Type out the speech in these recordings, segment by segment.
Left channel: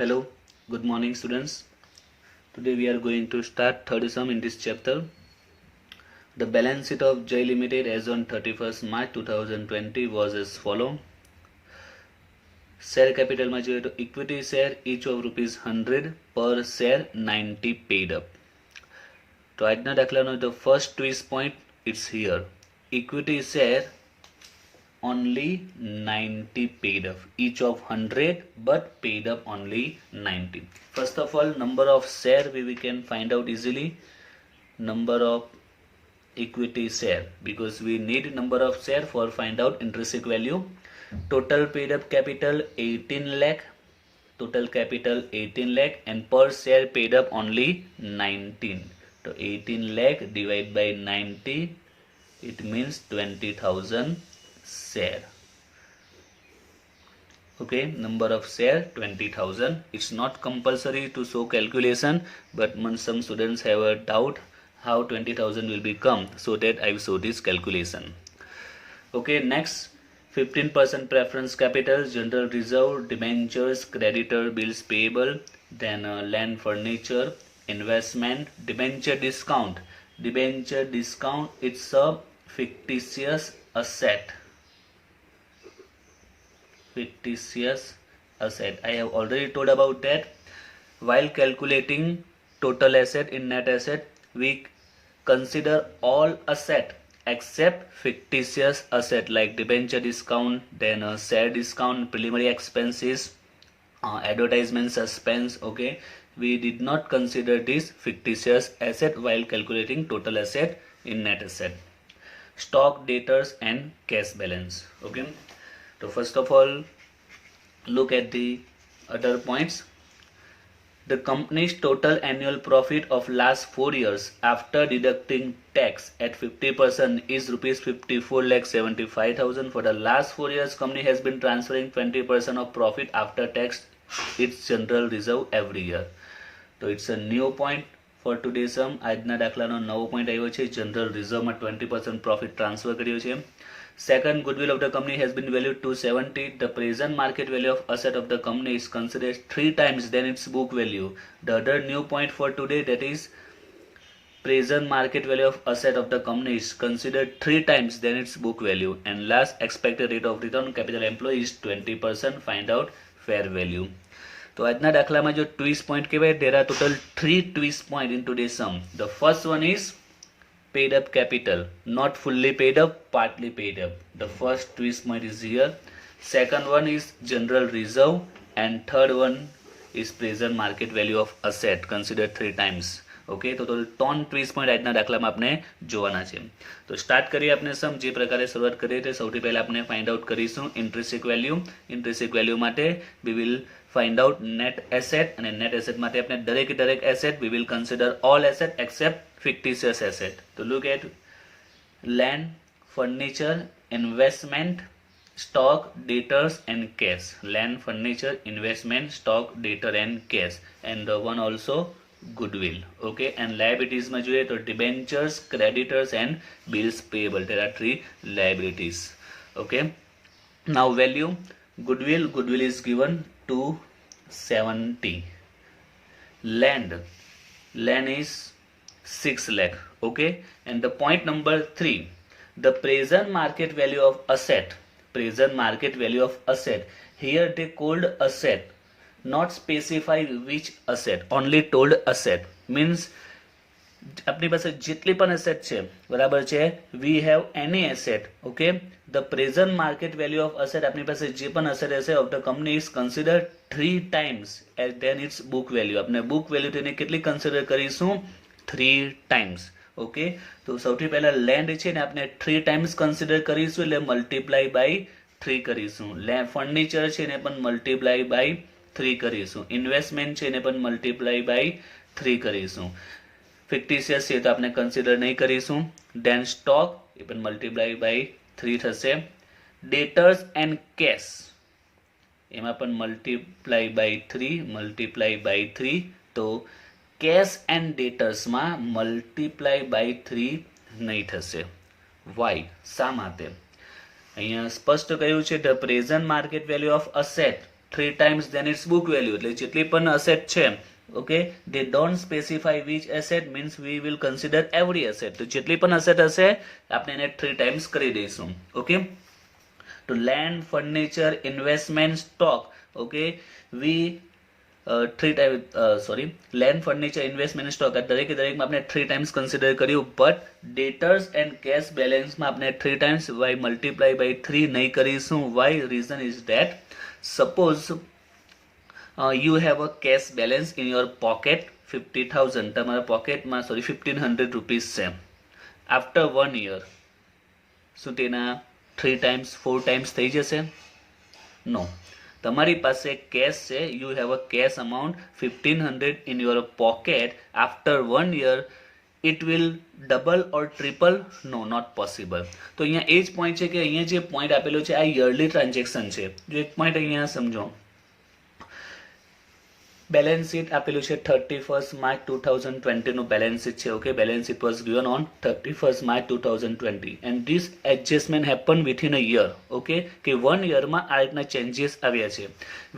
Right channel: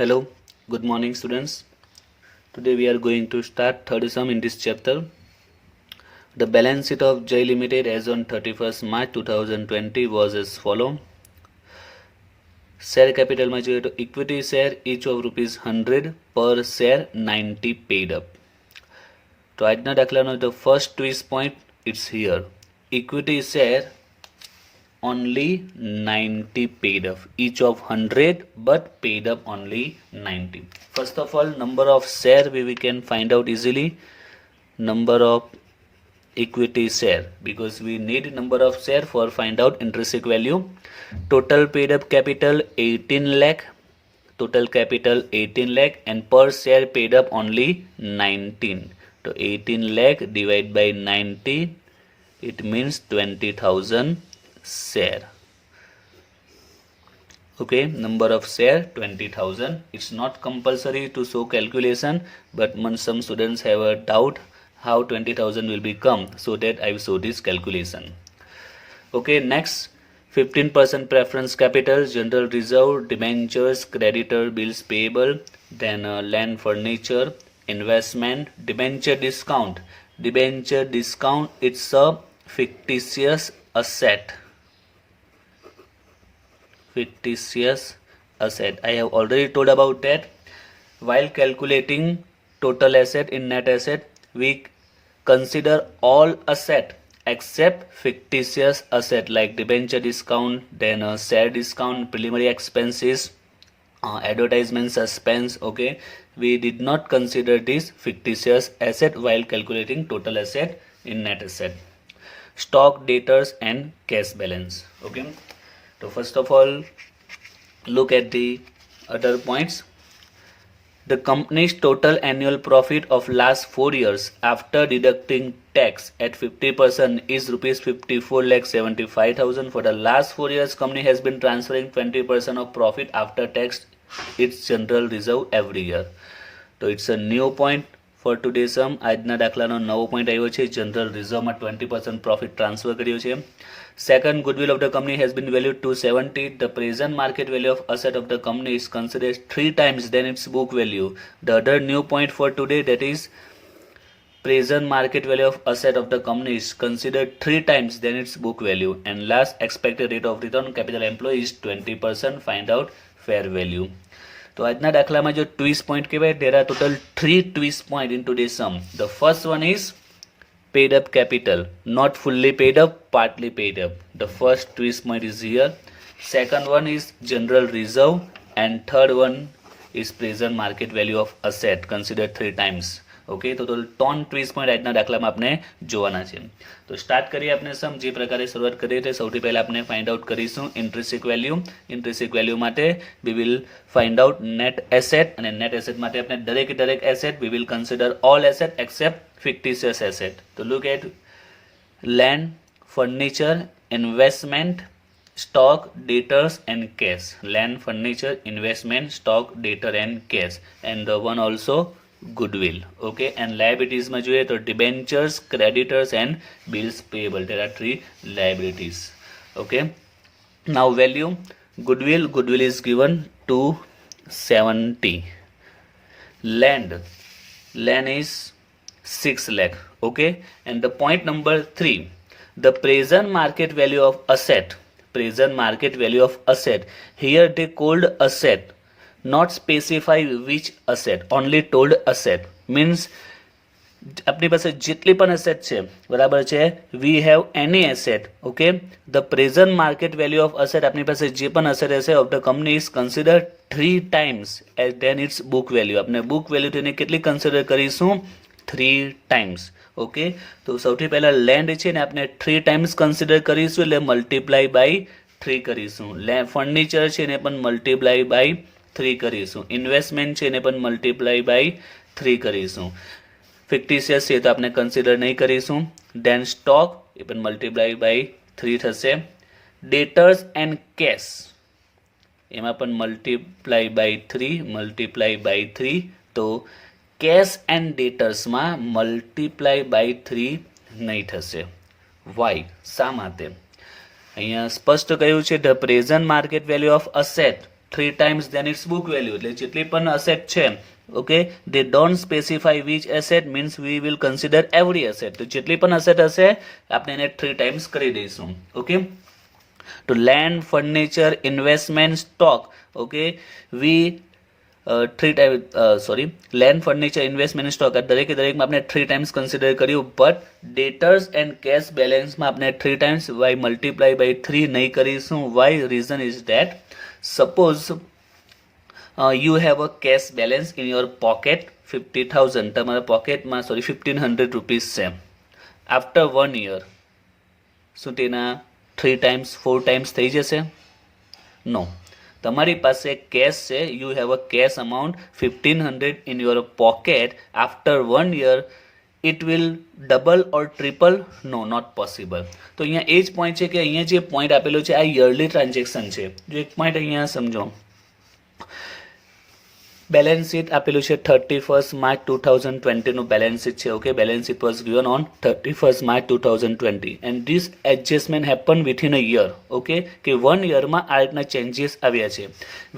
Hello, good morning students. Today we are going to start third sum in this chapter. The balance sheet of J Limited as on 31st March 2020 was as follow. Share capital માં જોઈએ તો equity share each of ₹100 per share 90 paid up. તો આજના દાખલાનો the first twist point it's here. Equity share only 90 paid up, each of 100 but paid up only 90. First of all, number of share we can find out easily. Number of equity share, because we need number of share for find out intrinsic value. Total paid up capital 18 lakh, total capital 18 lakh and per share paid up only 19. So 18 lakh divided by 90, it means 20,000 share. Okay, number of share 20,000. It's not compulsory to show calculation, but some students have a doubt how 20,000 will become, so that I will show this calculation. Okay, next 15% preference capital, general reserve, debentures, creditor, bills payable, then land, furniture, investment, debenture discount. Debenture discount, it's a fictitious asset. Fictitious asset. I have already told about that. While calculating total asset in net asset, we consider all asset except fictitious asset like debenture discount, then share discount, preliminary expenses, advertisement suspense. Okay, we did not consider this fictitious asset while calculating total asset in net asset. Stock, debtors and cash balance. Okay, so first of all, look at the other points. The company's total annual profit of last 4 years after deducting tax at 50% is ₹54,75,000. For the last 4 years, company has been transferring 20% of profit after tax its general reserve every year. So it's a new point for today's sum. આજના દાખલાનો નવો point આવ્યો છે, general રિઝર્વમાં 20% profit transfer કર્યો છે. Second, goodwill of the company has been valued to 70. The present market value of asset of the company is considered 3 times than its book value. The other new point for today, that is present market value of asset of the company is considered 3 times than its book value. And last, expected rate of return on capital employed is 20%. Find out fair value. તો આજના દાખલામાં જો twist point કહેવાય, there are total 3 twist point in today's sum. The first one is paid up capital, not fully paid up, partly paid up. The first twist point is here. Second one is general reserve, and third one is present market value of asset considered 3 times. Okay, તો ત્રણ twist point આજના દાખલામાં આપણે જોવાના છે. તો start કરીએ આપણે સમ જે પ્રકારે શરૂઆત કરીએ તે સૌથી પહેલા આપણે ફાઇન્ડ આઉટ કરીશું ઇન્ટ્રિન્સિક વેલ્યુ. ઇન્ટ્રિન્સિક વેલ્યુ માટે we will find out net asset, અને નેટ એસેટ માટે આપણે દરેક asset we will consider all asset accept fictitious asset. To look at land, furniture, investment, stock, debtors and cash. Land, furniture, investment, stock, debtor and cash. And the one also goodwill. Okay, and liabilities માં જોઈએ તો debentures, creditors and bills payable. There are 3 liabilities. Okay, now value. Goodwill is given to 70. Land is 6 lakh. Okay, and the point number 3, the present market value of asset. Present market value of asset, here they called asset, not specify which asset, only told asset. Means આપણી પાસે જેટલી પણ asset છે, બરાબર છે, we have any asset. Okay, the present market value of asset, આપણી પાસે જે પણ અસેટ હશે of the company is consider 3 times than its book value. આપણે બુક વેલ્યુ તેને કેટલી કન્સિડર કરીશું? 3 times. ઓકે, તો સૌથી પહેલા લેન્ડ છે ને આપણે 3 times કન્સિડર કરીશું, એટલે મલ્ટીપ્લાય બાય 3 કરીશું. ફર્નિચર છે ને પણ મલ્ટીપ્લાય બાય 3 કરીશું. ઇન્વેસ્ટમેન્ટ છે ને પણ મલ્ટીપ્લાય બાય 3 કરીશું. ફિક્ટિશિયસ છે તો આપણે કન્સિડર નહીં કરીશું. દેન સ્ટોક એ પણ મલ્ટીપ્લાય બાય 3 થશે. ડેટર્સ એન્ડ કેશ એમાં પણ મલ્ટીપ્લાય બાય 3. તો કેશ એન્ડ ડેટર્સમાં મલ્ટીપ્લાય બાય 3 નહીં થશે. વાય શા માટે? અહીંયા સ્પષ્ટ કહ્યું છે the present market value of asset 3 times then its book value. એટલે જેટલી પણ asset છે, okay, they don't specify which asset, means we will consider every asset. તો જેટલી પણ asset હશે આપણે એને 3 times કરી દઈશું. okay, to land, furniture, investment, stock, okay, we land, furniture, investment, stock આ દરેકમાં આપણે 3 times consider કર્યું, but debtors and cash balance માં આપણે 3 times by multiply by 3 નહીં કરીશું. why? reason is that suppose you have a cash balance in your pocket 50,000, તમારા પોકેટમાં 1500 rupees છે. after 1 year શું તેના 3 times 4 times થઈ જશે? no. તમારી પાસે કેશ છે, you have a cash amount 1500 in your pocket. after 1 year it will double or triple? no, not possible. તો અહીંયા એ જ પોઈન્ટ છે કે અહીંયા જે પોઈન્ટ આપેલો છે આ યરલી ટ્રાન્ઝેક્શન છે. જો એક પોઈન્ટ અહીંયા સમજો, બેલેન્સ શીટ આપેલું છે 31st March 2020 નું બેલેન્સ શીટ છે. Okay, balance sheet was given on 31st March 2020 and this adjustment happened within a year. Okay, કે 1 યરમાં આ રીતના ચેન્જીસ આવ્યા છે.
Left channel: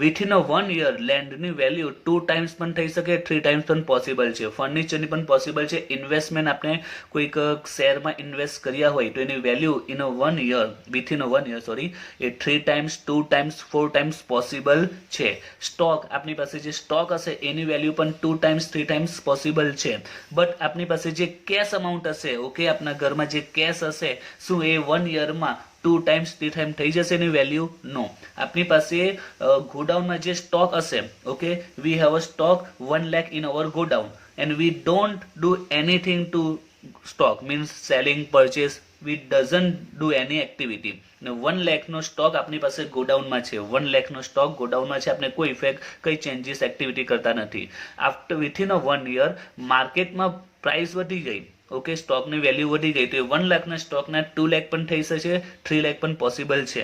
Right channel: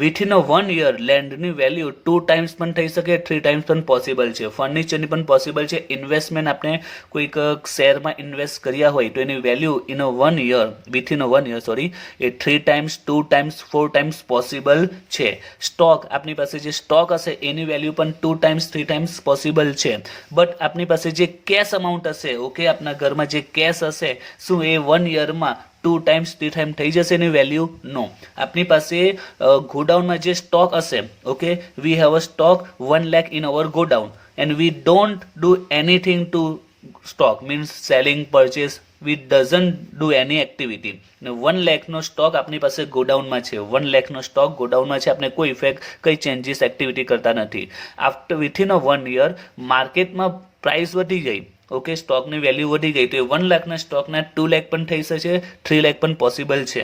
within a 1 year લેન્ડની વેલ્યુ 2 times પણ થઈ શકે, 3 times પણ પોસિબલ છે. ફર્નિચરની પણ પોસિબલ છે. ઇન્વેસ્ટમેન્ટ આપણે કોઈક શેરમાં ઇન્વેસ્ટ કર્યા હોય તો એની value in a 1 year, within a 1 year એ 3 times 2 times 4 times પોસિબલ છે. સ્ટોક, આપણી પાસે જે સ્ટોક હશે એની વેલ્યુ પણ 2 times 3 times પોસિબલ છે. બટ આપણી પાસે જે કેશ અમાઉન્ટ હશે, ઓકે, આપણા ઘરમાં જે કેશ હશે શું એ 1 યરમાં 2 times 3 times થઈ જશે એની વેલ્યુ? નો. આપણી પાસે ગોડાઉનમાં જે સ્ટોક હશે, okay, we have a stock 1 lakh in our godown and we don't do anything to stock, means selling, purchase, we doesn't do any activity. 1 lakh no stock આપણી પાસે ગોડાઉનમાં છે, 1 lakh નો સ્ટોક ગોડાઉનમાં છે, આપણે કોઈ ઇફેક્ટ કઈ ચેન્જીસ એક્ટિવિટી કરતા નથી. આફ્ટર વિથિન અ 1 year માર્કેટમાં પ્રાઇસ વધી ગઈ, ઓકે, સ્ટોકની વેલ્યુ વધી ગઈ તો એ 1 લાખના સ્ટોકના 2 લાખ પણ થઈ શકે, 3 લાખ પણ પોસિબલ છે.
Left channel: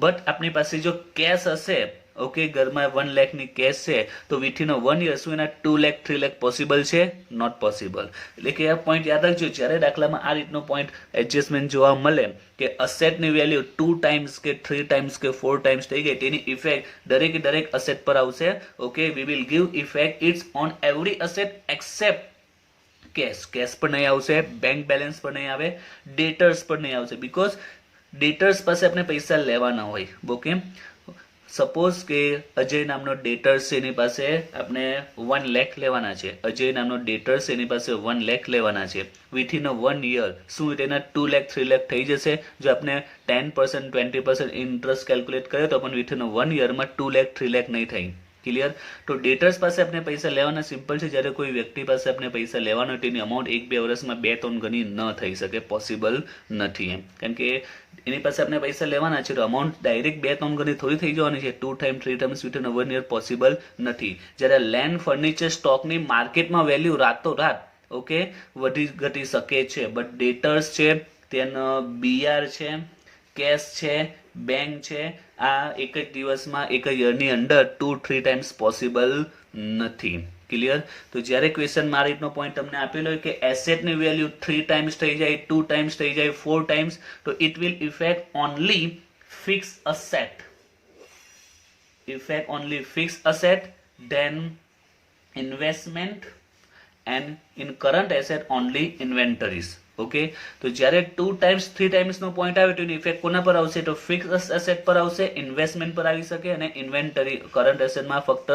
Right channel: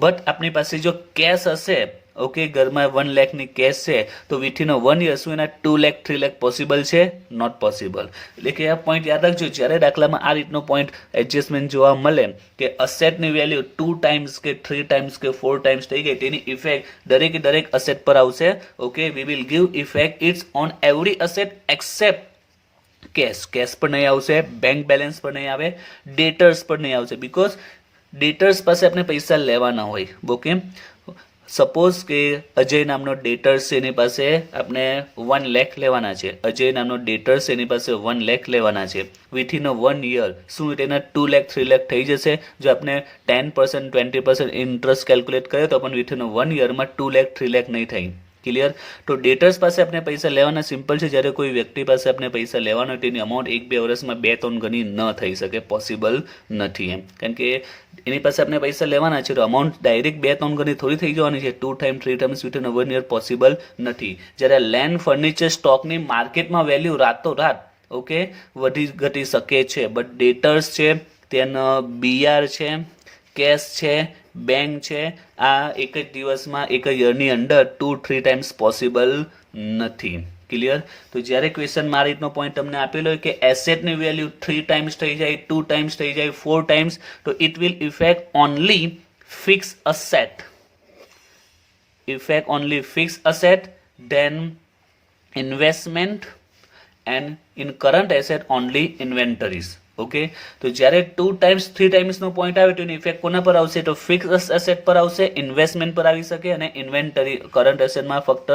બટ આપણી પાસે જો કેશ હશે, ઓકે, ઘરમાં 1 લાખની કેશ છે તો વિથિન અ 1 year શું એના 2 લાખ 3 લાખ પોસિબલ છે? Not possible. એટલે કે આ પોઈન્ટ યાદ રાખજો, જ્યારે દાખલામાં આ રીતનો પોઈન્ટ એડજસ્ટમેન્ટ જોવા મળે કે અસેટની વેલ્યુ 2 times કે 3 times કે 4 times થઈ ગઈ, તેની ઇફેક્ટ દરેક અસેટ પર આવશે. Okay, we will give effect its on every asset except cash પર નહીં આવશે, બેંક બેલેન્સ પર નહીં આવે, ડેટર્સ પર નહીં આવશે, બીકોઝ ડેટર્સ પાસે આપણે પૈસા લેવાના હોય. ઓકે, સપોઝ કે અજય નામનો ડેટર્સ છે, એની પાસે આપણે 1 lakh લેવાના છે. અજય નામનો ડેટર્સ છે, એની પાસે 1 lakh લેવાના છે. વિથિન અ 1 year શું તેના 2 lakh 3 lakh થઈ જશે? જો આપણે 10% 20% ઇન્ટરેસ્ટ કેલ્ક્યુલેટ કરીએ તો પણ વિથિન અ 1 yeરમાં 2 lakh 3 lakh નહીં થાય. ક્લિયર? તો ડેટર્સ પાસે આપણે પૈસા લેવાના સિમ્પલ છે. જ્યારે કોઈ વ્યક્તિ પાસે આપણે પૈસા લેવાનો હોય તેની અમાઉન્ટ 1-2 વર્ષમાં 2-3 ગણી ન થઈ શકે, પોસિબલ નથી એમ. કારણ કે એની પાસે આપણે પૈસા લેવાના છે તો અમાઉન્ટ ડાયરેક્ટ 2-3 ગણી થોડી થઈ જવાની છે. 2 times 3 times વિથિન અ 1 year પોસિબલ નથી. જ્યારે લેન્ડ, ફર્નિચર, સ્ટોકની માર્કેટમાં વેલ્યુ રાતોરાત, ઓકે, વધી ઘટી શકે છે. બટ ડેટર્સ છે, તેનો બીઆર છે, કેશ છે, બેંક છે, આ એક જ દિવસમાં, એક જ યરની અંદર 2-3 times પોસિબલ નથી. ક્લિયર? તો જ્યારે ક્વેશ્ચનમાં આ રીતનો પોઈન્ટ તમને આપેલો હોય કે એસેટની વેલ્યુ 3 times થઈ જાય, 2 times થઈ જાય, 4 times, તો it will effect only fix asset, effect only fix asset, then investment and in current asset only inventories. Okay, તો જ્યારે 2 times 3 times નો પોઈન્ટ આવે તો એની ઇફેક્ટ કોના પર આવશે? તો ફિક્સ એસેટ પર આવશે, ઇન્વેસ્ટમેન્ટ પર આવી શકે, અને ઇન્વેન્ટરી કરંટ એસેટમાં ફક્ત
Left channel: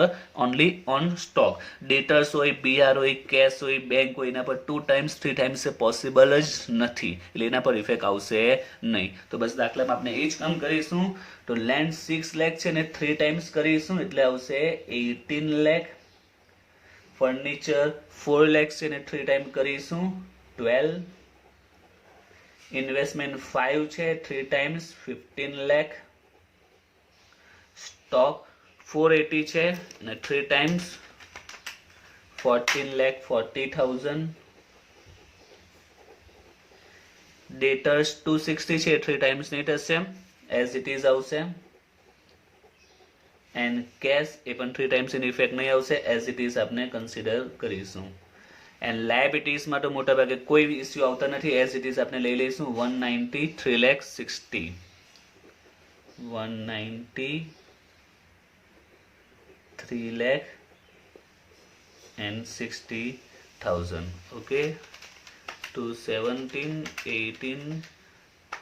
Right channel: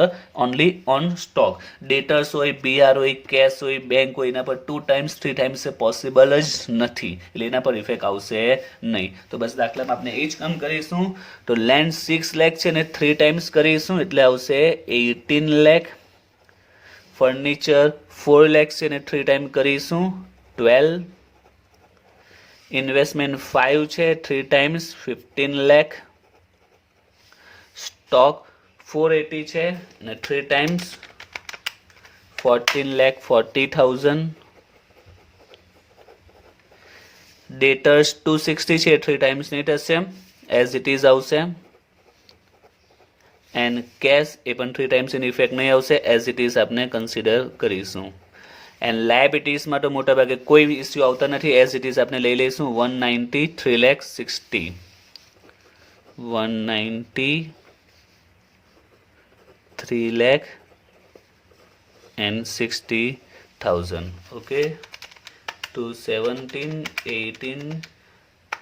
ઓનલી ઓન સ્ટોક. ડેટર્સ હોય, બીઆર હોય, કેશ હોય, બેંક હોય, એના પર 2 times 3 times પોસિબલ જ નથી, એટલે એના પર ઇફેક્ટ આવશે નહીં. તો બસ દાખલામાં આપણે એ જ કામ કરીશું. તો લેન્ડ 6 lakh છે ને 3 times કરીશું એટલે આવશે 18 lakh. ફર્નિચર 4 lakh છે ને 3 times કરીશું 12. ઇન્વેસ્ટમેન્ટ 5 છે, 3 times 15 lakh. સ્ટોક 480 છે અને 3 times 14,40,000. ડેટર્સ 260 છે, 3 times નહીં થશે, એઝ ઇટ ઇઝ આવશે. એન્ડ કેશ એ પણ 3 times એની ઇફેક્ટ નહીં આવશે, એઝ ઇટ ઇઝ આપણે કન્સિડર કરીશું. એન્ડ લાયબિલિટીઝમાં તો મોટા ભાગે કોઈ ઇસ્યુ આવતા નથી, એઝ ઇટ ઇઝ આપણે લઈ લઈશું 190, 3 lakh 60. 190, 3,60,000. Okay, to 17, 18,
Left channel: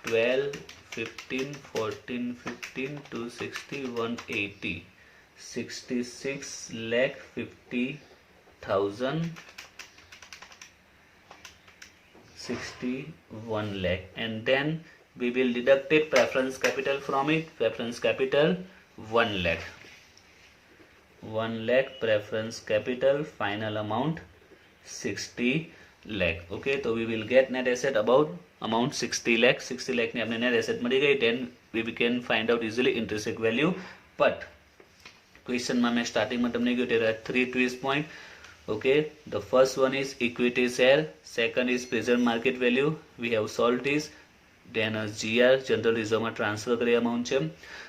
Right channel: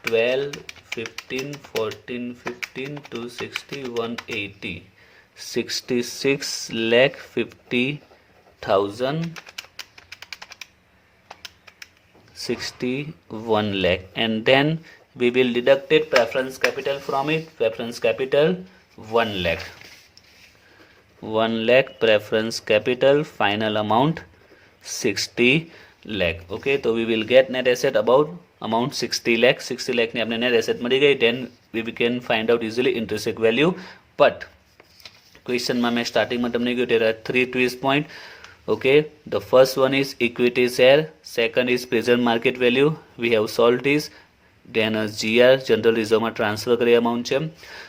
12, 15, 14, 15 to 60, 180, 66,50,000, 61 lakh, and then we will deduct it preference capital from it. Preference capital 1 lakh. 1 lakh preference capital, final amount 60 lakh. Okay, so we will get net asset about amount 60 lakh. 60 lakh ની આપણે net asset મળી ગઈ. Then we can find out easily intrinsic value. But question માં મેં સ્ટાર્ટિંગમાં તમને કહ્યું there are 3 twist point. Okay, the first one is equity share, second is present market value, we have solved this. Then GR general reserve માં transfer કરી amount છે.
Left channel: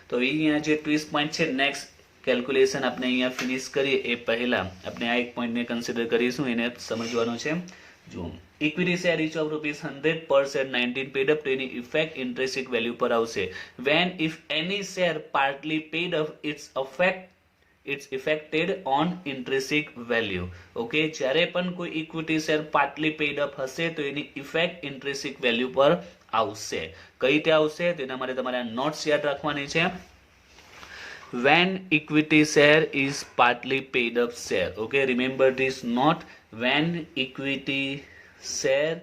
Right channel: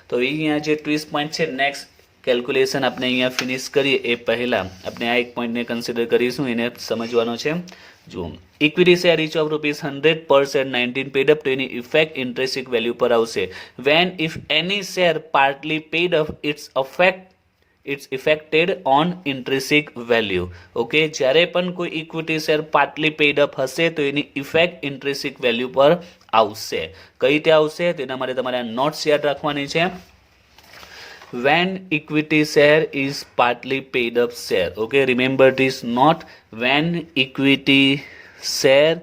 તો અહીંયા જે twist point છે, next કેલ્ક્યુલેશન આપણે અહીંયા ફિનિશ કરીએ એ પહેલા આપણે આ એક પોઈન્ટને કન્સિડર કરીશું, એને સમજવાનો છે. જો ઇક્વિટી શેર ઇચ ઓફ ₹100 પર શેર 19 પેડ અપ, તો એની ઇફેક્ટ ઇન્ટ્રેન્સિક વેલ્યુ પર આવશે. When if any share partly paid up, it's affected on intrinsic value. Okay, જ્યારે પણ કોઈ equity share partly paid up હશે તો એની ઇફેક્ટ ઇન્ટ્રેન્સિક વેલ્યુ પર આવશે. કઈ રીતે આવશે તેના માટે તમારે નોટ્સ યાદ રાખવાની છે. When equity share is partly paid up share. Okay, remember this note. When equity share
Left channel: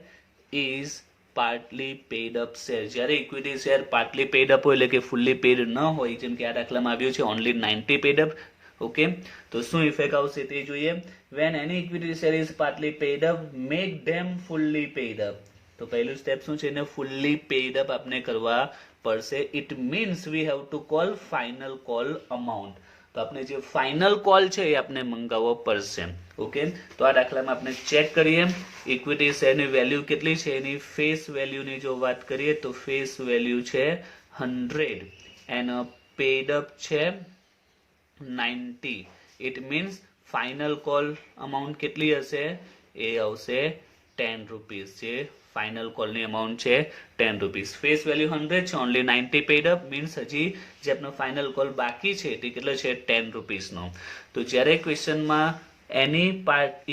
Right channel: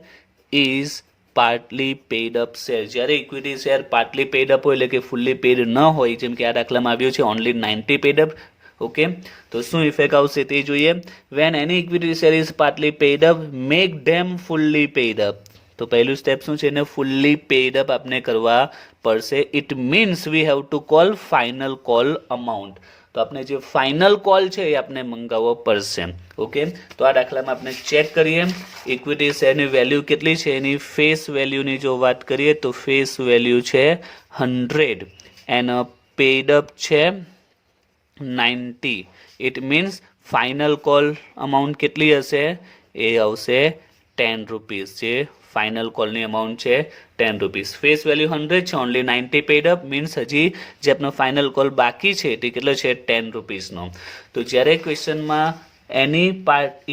is partly paid up share. જ્યારે equity share partly paid up હોય એટલે કે fully paid ન હોય, જેમ કે આ દાખલામાં આવ્યું છે only 90 paid up. ઓકે, તો શું ઇફેક્ટ આવશે તે જોઈએ. When any equity share is partly paid up, make them fully paid up. તો પહેલું સ્ટેપ શું છે, એને ફુલ્લી પેડ અપ આપણે કરવા પડશે. It means we have to call final call amount. તો આપણે જે ફાઇનલ કોલ છે એ આપણે મંગાવવો પડશે. ઓકે, તો આ દાખલામાં આપણે ચેક કરીએ ઇક્વિટી શેરની વેલ્યુ કેટલી છે. એની ફેસ વેલ્યુની જો વાત કરીએ તો ફેસ વેલ્યુ છે 100 એન્ડ પેડ અપ છે 90. It means final call amount કેટલી હશે, એ આવશે 10 રૂપીસ. જે ફાઇનલ કોલની અમાઉન્ટ છે 10 રૂપીસ. ફેસ વેલ્યુ 100 છે, ઓનલી 90 પેડ અપ, મીન્સ હજી જે આપણો ફાઇનલ કોલ બાકી છે તે કેટલો છે 10 રૂપીસનો. તો જ્યારે ક્વેશ્ચનમાં any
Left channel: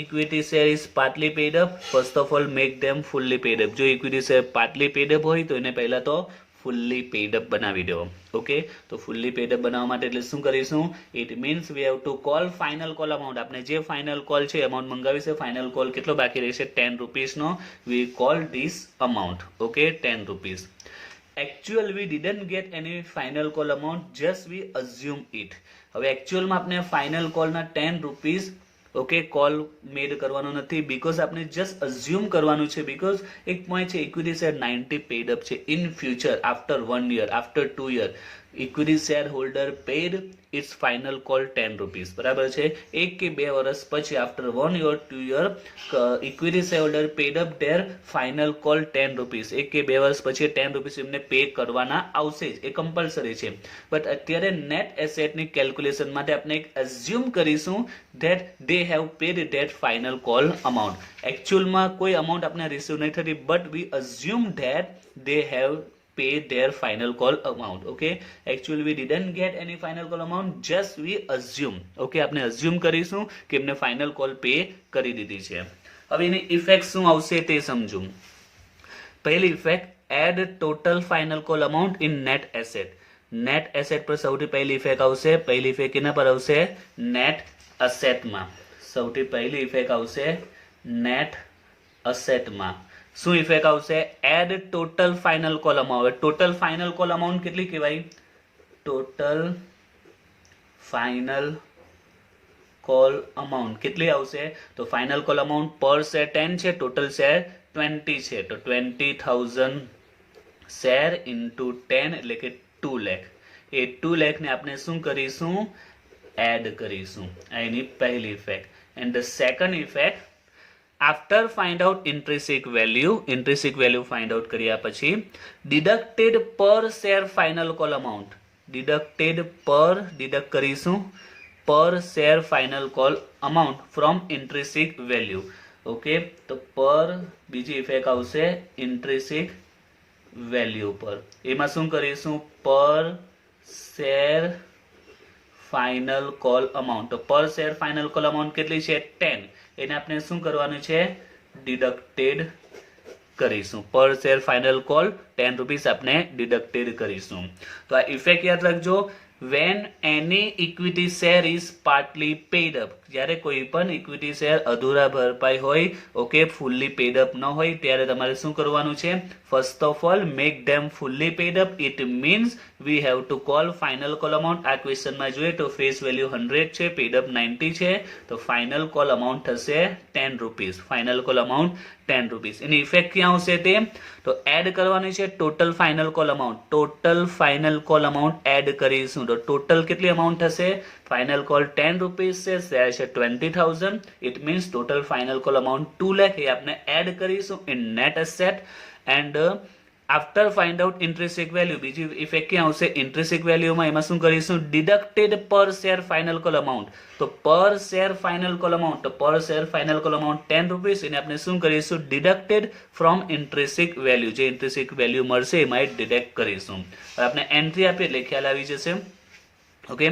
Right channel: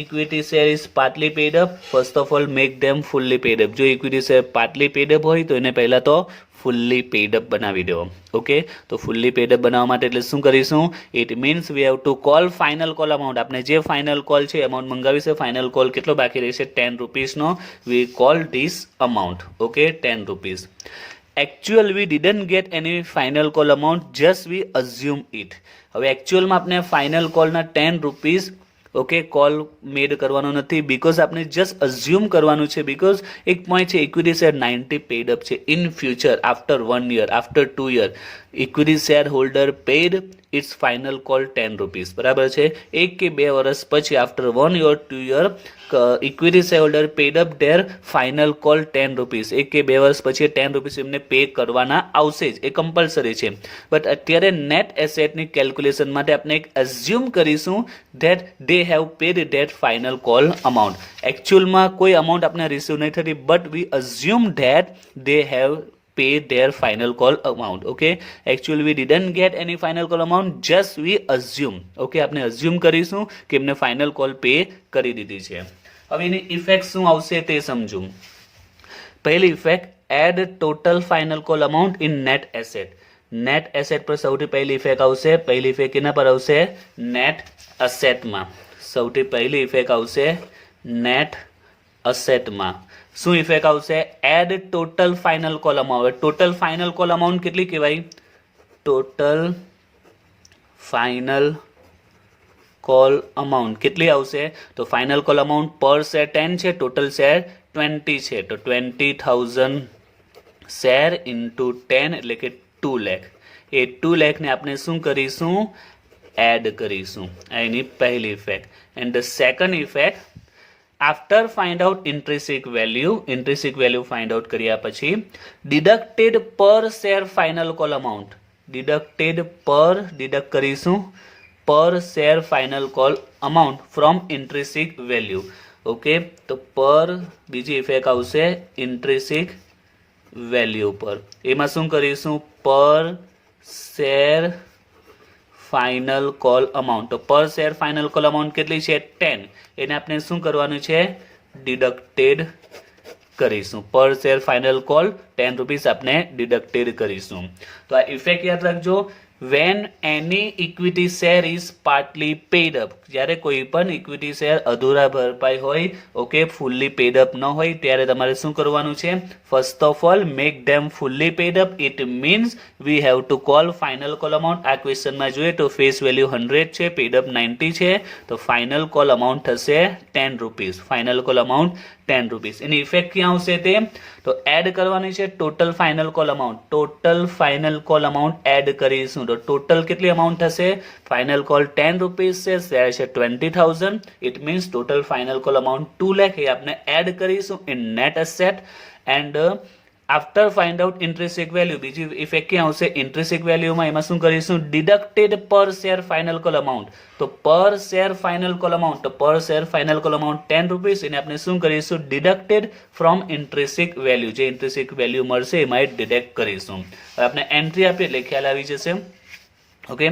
equity share is partly paid up, first of all make them fully paid up. જો equity share partly paid up હોય તો એને પહેલાં તો ફુલ્લી પેડ અપ બનાવી દો. ઓકે, તો ફુલ્લી પેડ અપ બનાવવા માટે એટલે શું કરીશું, it means we have to call final call amount. આપણે જે ફાઇનલ કોલ છે અમાઉન્ટ મંગાવી છે, ફાઇનલ કોલ કેટલો બાકી રહેશે 10 રૂપીસનો. We call this amount. Okay, 10 rupees. Actual we didn't get any final call amount, just we assume it. હવે એકચ્યુઅલમાં આપણે ફાઇનલ કોલના 10 રૂપીસ ઓકે કોલ મેડ કરવાનો નથી, બીકોઝ આપણે જસ્ટ અઝ્યુમ કરવાનું છે. બીકોઝ એક પોઈન્ટ છે ઇક્વિટી શેર 90 પેડ અપ છે. In future after 1 year, after 2 year, equity share holder paid its final call 10 rupees. બરાબર છે. 1 કે 2 વર્ષ પછી after 1 year, 2 year, equity share holder paid up their final call 10 rupees. 1 કે 2 વર્ષ પછી 10 રૂપીસ એમને પે કરવાના આવશે જ, એ કમ્પલસરી છે. બટ અત્યારે નેટ એસેટની કેલ્ક્યુલેશન માટે આપણે એક અઝ્યુમ કરીશું that they have paid that final call amount. એકચ્યુઅલમાં કોઈ અમાઉન્ટ આપણે રિસીવ નહીં થતી, but we assume that they have pay their final call amount. Okay, actually we didn't get any final call amount, just we assume. Okay, આપણે assume કરીશું કે એમને final call pay કરી દીધી છે. હવે એની ઇફેક્ટ શું આવશે તે સમજો. પહેલી effect, add total final call amount in net asset. Net asset પર સૌથી પહેલી ઇફેક્ટ આવશે. પહેલી ઇફેક્ટ એના પર આવશે નેટ એસેટમાં. સૌથી પહેલી ઇફેક્ટ આવશે નેટ એસેટમાં. શું ઇફેક્ટ આવશે, add total final call amount. Total final call amount કેટલી કહેવાય, ટોટલ ફાઇનલ કોલ અમાઉન્ટ કેટલી આવશે, તો ફાઇનલ કોલ અમાઉન્ટ પર શેર 10 છે, ટોટલ શેર 20 છે, તો 20,000 શેર ઇન્ટુ 10 એટલે કે 2 લાખ. એ 2 લાખને આપણે શું કરીશું, એડ કરીશું. આ એની પહેલી effect. And the second effect, after find out intrinsic value. Intrinsic value find out કર્યા પછી deducted per share final call amount. Deducted per, deduct કરીશું per share final call amount from intrinsic value. Okay, તો પર બીજી effect આવશે ઇન્ટ્રિન્સિક value પર. એમાં શું કરીશું, per share final call amount. તો per share final call amount કેટલી છે 10, એને આપણે શું કરવાનું છે ડિડક્ટેડ કરીશું. Per share final call 10 rupees આપણે ડિડક્ટેડ કરીશું. તો આ ઇફેક્ટ યાદ રાખજો. When any equity share is partly paid up, જ્યારે કોઈ પણ ઇક્વિટી શેર અધૂરા ભરપાઈ હોય, ઓકે, ફૂલ્લી પેડ અપ ન હોય, ત્યારે તમારે શું કરવાનું છે? First of all make them fully paid up. It means we have to call final call amount. આ ક્વેશ્ચનમાં જોઈએ તો ફેસ વેલ્યુ 100 છે, પેડ અપ 90 છે, તો ફાઇનલ કોલ અમાઉન્ટ થશે 10 rupees. Final call amount 10 rupees. એની ઇફેક્ટ ક્યાં આવશે તે? તો એડ કરવાની છે total final call amount. Total final call amount add કરીશું તો ટોટલ કેટલી અમાઉન્ટ થશે? ફાઇનલ કોલ 10 રૂપીસ છે, શેર છે 20,000. It means total final call amount 2 lakh. એ આપણે એડ કરીશું in net asset. And after find out intrinsic value, બીજી ઇફેક્ટ ક્યાં આવશે? ઇન્ટ્રિન્સિક વેલ્યુમાં એમાં શું કરીશું? Deducted per share final call amount. તો per share final call amount, તો per share final call amount 10 rupees, એને આપણે શું કરીશું? Deducted from intrinsic value. જે ઇન્ટ્રિન્સિક વેલ્યુ મળશે એમાં ડિડક્ટ કરીશું. આપણે એન્ટ્રી આપીએ એટલે ખ્યાલ આવી જશે. ઓકે,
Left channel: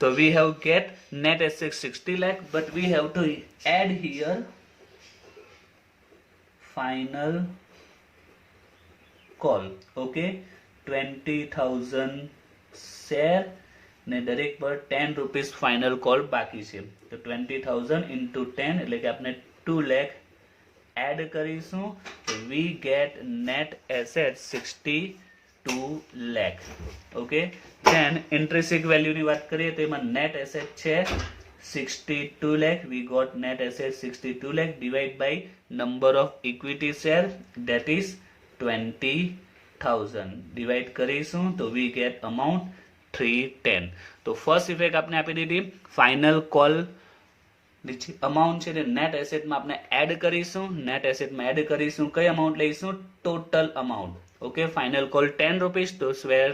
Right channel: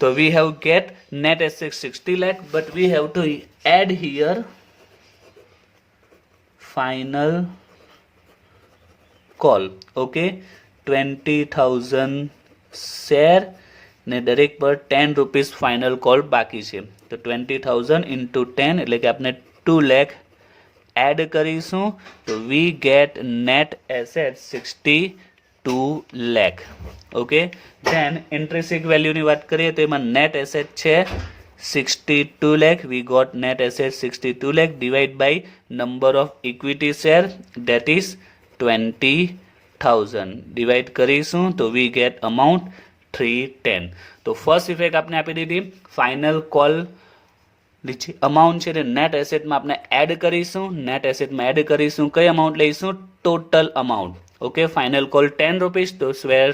તો we have get net asset 60 lakh, but we have to add here final call. Okay, 20,000 share ને દરેક પર 10 રૂપીસ ફાઇનલ કોલ બાકી છે. તો 20,000 ઇન્ટુ 10 એટલે કે આપણે 2 લાખ એડ કરીશું. તો we get net asset 62 lakh. Okay, then intrinsic વેલ્યુની વાત કરીએ તો એમાં નેટ એસેટ છે 62 lakh. We got net asset 62 lakh divided by number of equity share, that is 20,000. Divide કરીશું તો we get amount 310. તો ફર્સ્ટ ઇફેક્ટ આપણે આપી દીધી. ફાઇનલ કોલ અમાઉન્ટ છે તે નેટ એસેટમાં આપણે એડ કરીશું. નેટ એસેટમાં એડ કરીશું, કઈ અમાઉન્ટ લઈશું? Total amount. Okay, final call 10 rupees, તો શેર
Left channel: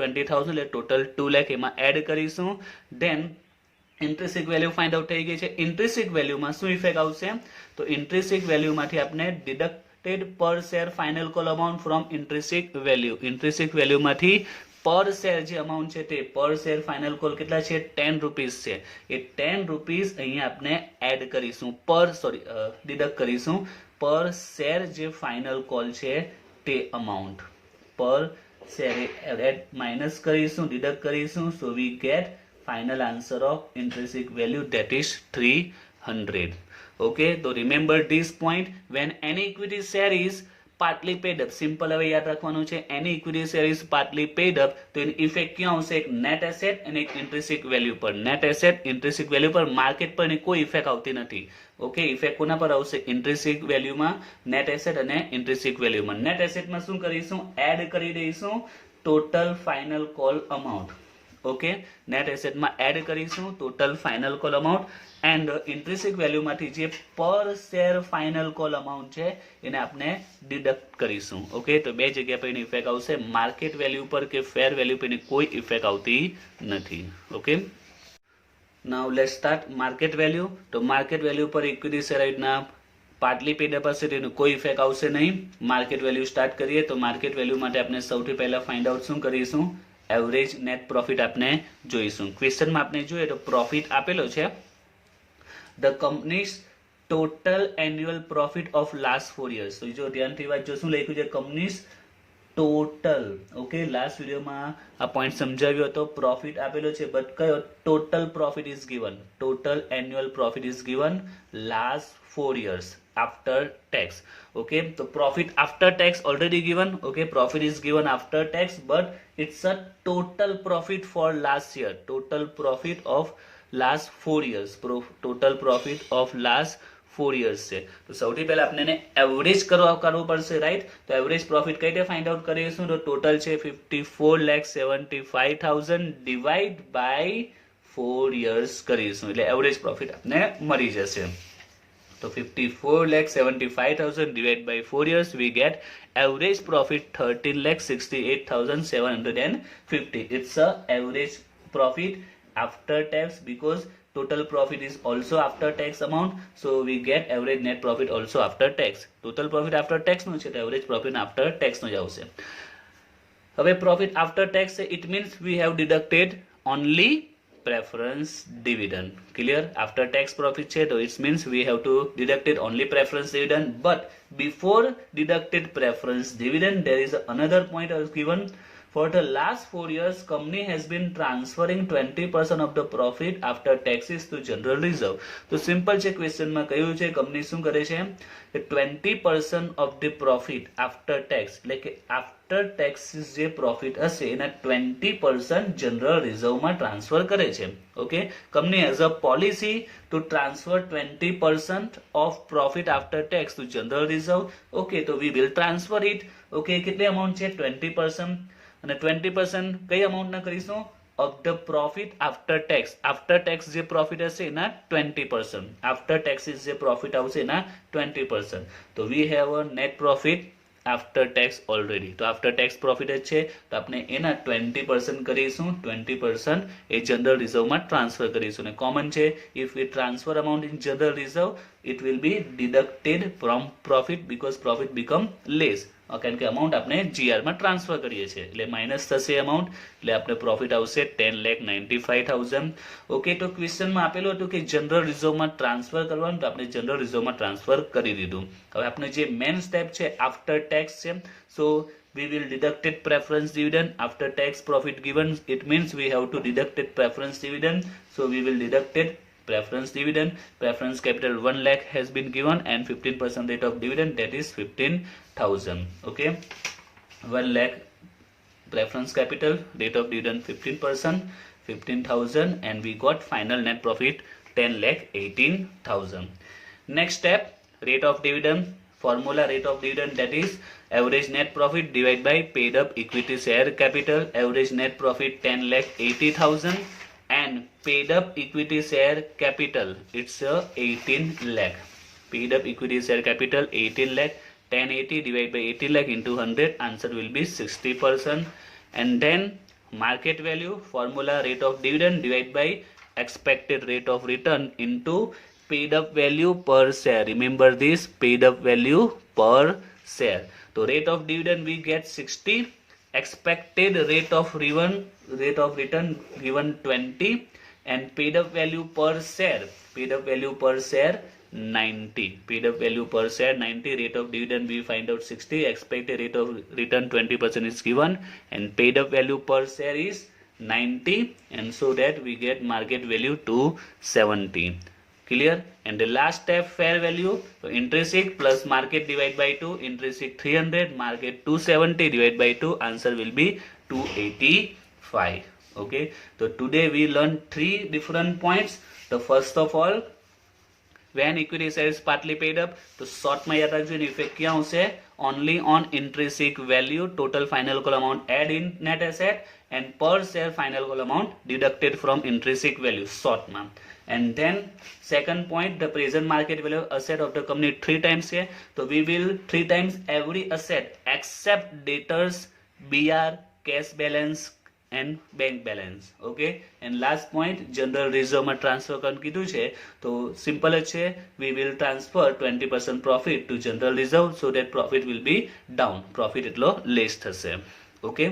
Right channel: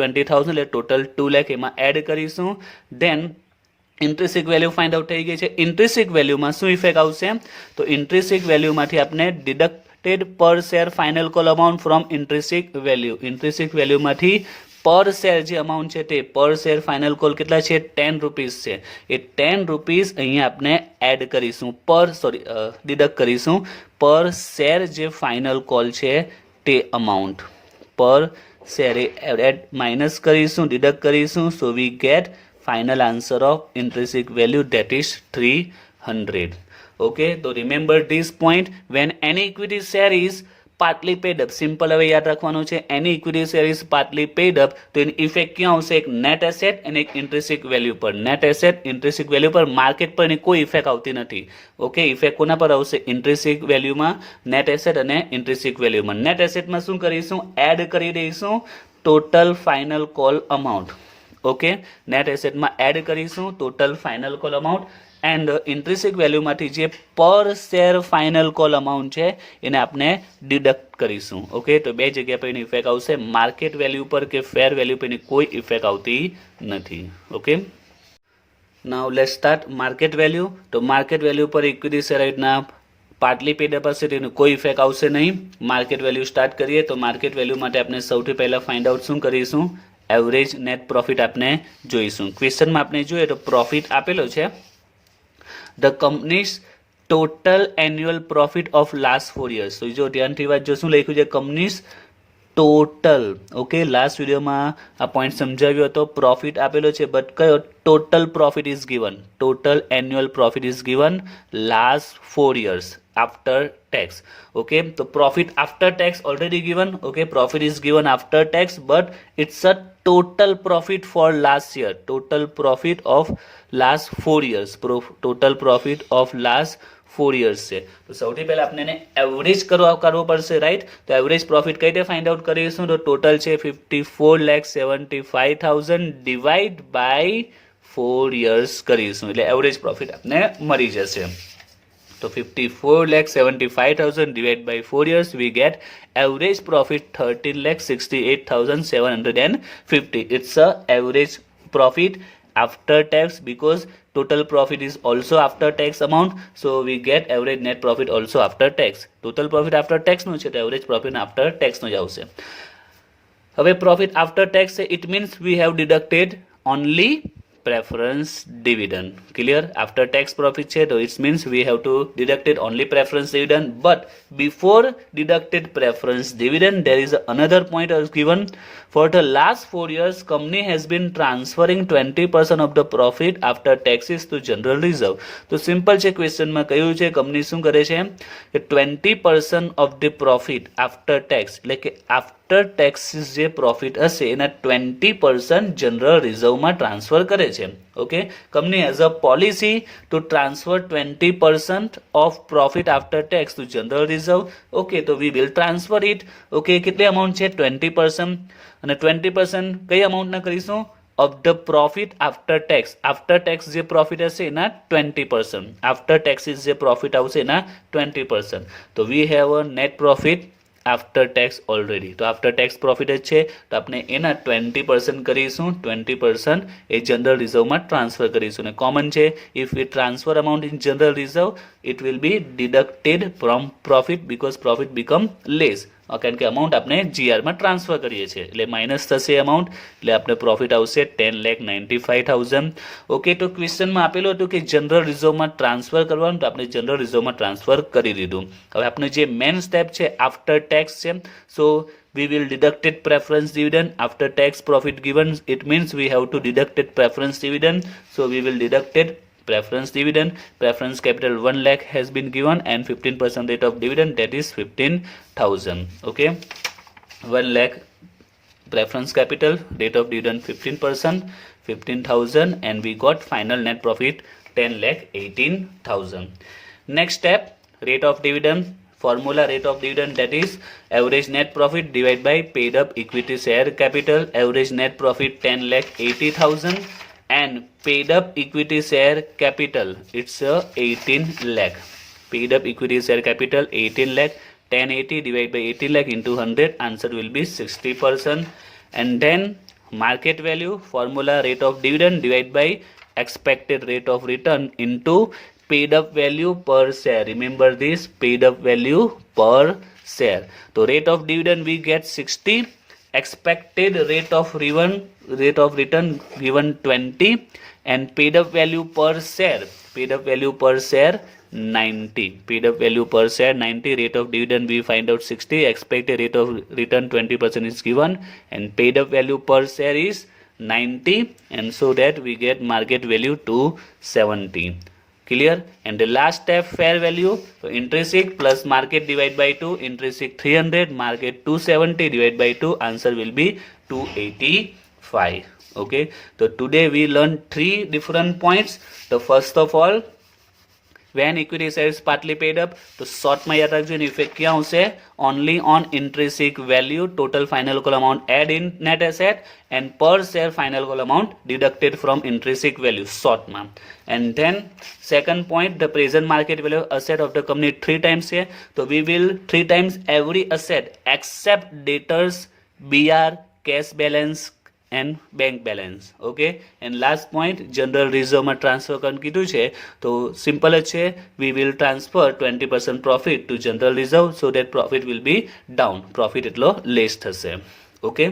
20,000 એટલે ટોટલ 2 લાખ એમાં એડ કરીશું. ધેન ઇન્ટ્રિન્સિક વેલ્યુ ફાઇન્ડ આઉટ થઈ ગઈ છે. ઇન્ટ્રિન્સિક વેલ્યુમાં શું ઇફેક્ટ આવશે? તો ઇન્ટ્રિન્સિક વેલ્યુમાંથી આપણે deducted per share final call amount from intrinsic value. Intrinsic વેલ્યુમાંથી પર શેર જે અમાઉન્ટ છે તે પર શેર ફાઇનલ કોલ કેટલા છે? 10 રૂપીસ છે. એ 10 રૂપીસ અહીંયા આપણે એડ કરીશું, ડિડક્ટ કરીશું. પર શેર જે ફાઇનલ કોલ છે તે અમાઉન્ટ પર શેર એડ માઇનસ કરીશું, ડિડક્ટ કરીશું. So we get final answer of intrinsic value, that is 300. Okay, so remember this point. When any equity share is partly paid up, simple હવે યાદ રાખવાનું છે. any equity share is partly paid up, તો એની effect ક્યાં આવશે? એક net asset અને એક ઇન્ટ્રિન્સિક વેલ્યુ પર. નેટ એસેટ ઇન્ટ્રિન્સિક વેલ્યુ પર, માર્કેટ પર એની કોઈ ઇફેક્ટ આવતી નથી. ઓકે, ઇફેક્ટ કોના પર આવશે? ઇન્ટ્રિન્સિક વેલ્યુમાં, નેટ એસેટ અને ઇન્ટ્રિન્સિક વેલ્યુમાં. નેટ એસેટમાં શું કરીશું? એડ કરી દઈશું total final call amount. Okay, net એસેટમાં એડ કરીશું total final call amount. And intrinsic વેલ્યુમાંથી જે per share final call amount છે એને આપણે ડિડક્ટ કરીશું. ઓકે, તો બે જગ્યા પર એની ઇફેક્ટ આવશે. માર્કેટ વેલ્યુ પર કે ફેર વેલ્યુ પર એની કોઈ ઇફેક્ટ આવતી નથી. Okay, now let's start market value. તો માર્કેટ વેલ્યુ પર ઇક્વિટી શેર રીતના પાર્ટલી પેડ અપ હશે તેનું કોઈ ઇફેક્ટ આવશે નહીં. માર્કેટ વેલ્યુ સ્ટાર્ટ કરીએ તો માર્કેટ વેલ્યુ માટે આપણે સૌથી પહેલાં ફાઇન્ડ આઉટ શું કરીશું? એવરેજ નેટ પ્રોફિટ આપણે જોઈશું. ક્વેશ્ચનમાં આપણે જોઈએ તો પ્રોફિટ આપેલો છે the companies total annual profit of last 4 years. તો જો ધ્યાનથી વાંચજો, શું લખ્યું છે? Companies total. ઓકે, લાસ્ટ વિડીયોમાં આ પોઈન્ટ સમજાવ્યો હતો. પ્રોફિટ આપેલો છે બટ કયો? Total profit is given. Total annual profit is given last 4 years after tax. Okay, so profit after tax already given. Okay, profit is given after tax, but it's a total profit for last year. Total profit of last 4 years. Total profit of last 4 years છે. તો સૌથી પહેલા આપણે એને average કરવો પડશે, right? તો average profit કઈ રીતે ફાઇન્ડ આઉટ કરીશું? તો ટોટલ છે 54,75,000 ડિવાઈડ બાય 4 years કરીશું એટલે એવરેજ પ્રોફિટ આપણે મળી જશે. તો 54,75,000 divided by 4 years, we get average profit 13,68,750. It's a average profit after tax because total profit is also after tax amount. So we get average net profit also after tax. Total profit after tax નું છે તો average profit after tax નું જ આવશે. હવે profit after tax it means we have deducted only preference dividend. Clear? After tax profit છે તો it means we have to deduct it only preference dividend, but before deducted preference dividend there is another point as given. For the last 4 years company has been transferring 20% of the profit after taxes to general reserve. તો simple છે, ક્વેશ્ચનમાં કહ્યું છે company શું કરે છે કે 20% of the profit after tax, એટલે કે after taxes જે profit હશે એના 20% general reserve માં ટ્રાન્સફર કરે છે. Okay, company has a policy to transfer 20% of profit after tax to general reserve. Okay, તો we will transfer it. Okay, કેટલી અમાઉન્ટ છે 20%, અને 20% કઈ અમાઉન્ટના કરીશું? of the profit after tax જે profit હશે એના 20%, after taxes જે profit આવશે એના 20%. તો we have a net profit after tax already. તો after tax profit જ છે તો આપણે એના 20% કરીશું, 20% એ general reserve માં ટ્રાન્સફર કરીશું. અને કોમન છે, if we transfer amount in general reserve it will be deducted from profit because profit become less. કારણ કે અમાઉન્ટ આપણે જીઆરમાં ટ્રાન્સફર કરીએ છીએ એટલે માઇનસ થશે અમાઉન્ટ, એટલે આપણે પ્રોફિટ આવશે 10,95,000. ઓકે, તો ક્વેશ્ચનમાં આપેલું હતું કે જનરલ રિઝર્વમાં ટ્રાન્સફર કરવાનું, તો આપણે જનરલ રિઝર્વમાં ટ્રાન્સફર કરી દીધું. હવે આપણે જે મેન સ્ટેપ છે આફ્ટર ટેક્સ છે, સો we will deducted preference dividend after tax profit given, it means we have to deducted preference dividend, so we will deducted preference dividend. Preference capital 1 lakh has been given and 15% rate of dividend, that is 15,000. okay, 1 lakh preference capital, rate of dividend 15%, 15,000, and we got final net profit 10,18,000. Next step, rate of dividend formula. Rate of dividend, that is average net profit divided by paid up equity share capital. Average net profit 10,80,000 and paid up equity share capital, it's 18 lakh. Paid up equity share capital 18 lakh. 1080 divided by 80 lakh into 100, answer will be 60%. And then market value formula, rate of dividend divided by expected rate of return into paid up value per share. Remember this, paid up value per share. So rate of dividend we get 60, expected rate of return given 20, and paid up value per share 90. Paid up value per share 90. Rate of dividend we find out 60, expected rate of return 20% is given, and paid up value per share is 90, and so that we get market value 270. Clear? And the last step, fair value. So intrinsic plus market divided by 2, intrinsic 300, market 270 divided by 2, answer will be 285. okay, so today we learned 3 different points. The first of all, when equity share is partly paid up, તો શોર્ટમાં યાદ રાખજો એની effect ક્યાં આવશે? only on intrinsic value, total final call amount add in net asset, and per share final call amount deducted from intrinsic value, shortમાં. And then second point, the present market value asset of the company 3 times છે, so we will 3 times every asset except debtors, BR, cash balance and bank balance. okay, and last point, general reserve માં transfer કરવાનું કીધું છે, તો simple જ છે, we will transfer 20% profit to general reserve so that profit will be down, profit એટલો less થશે. okay.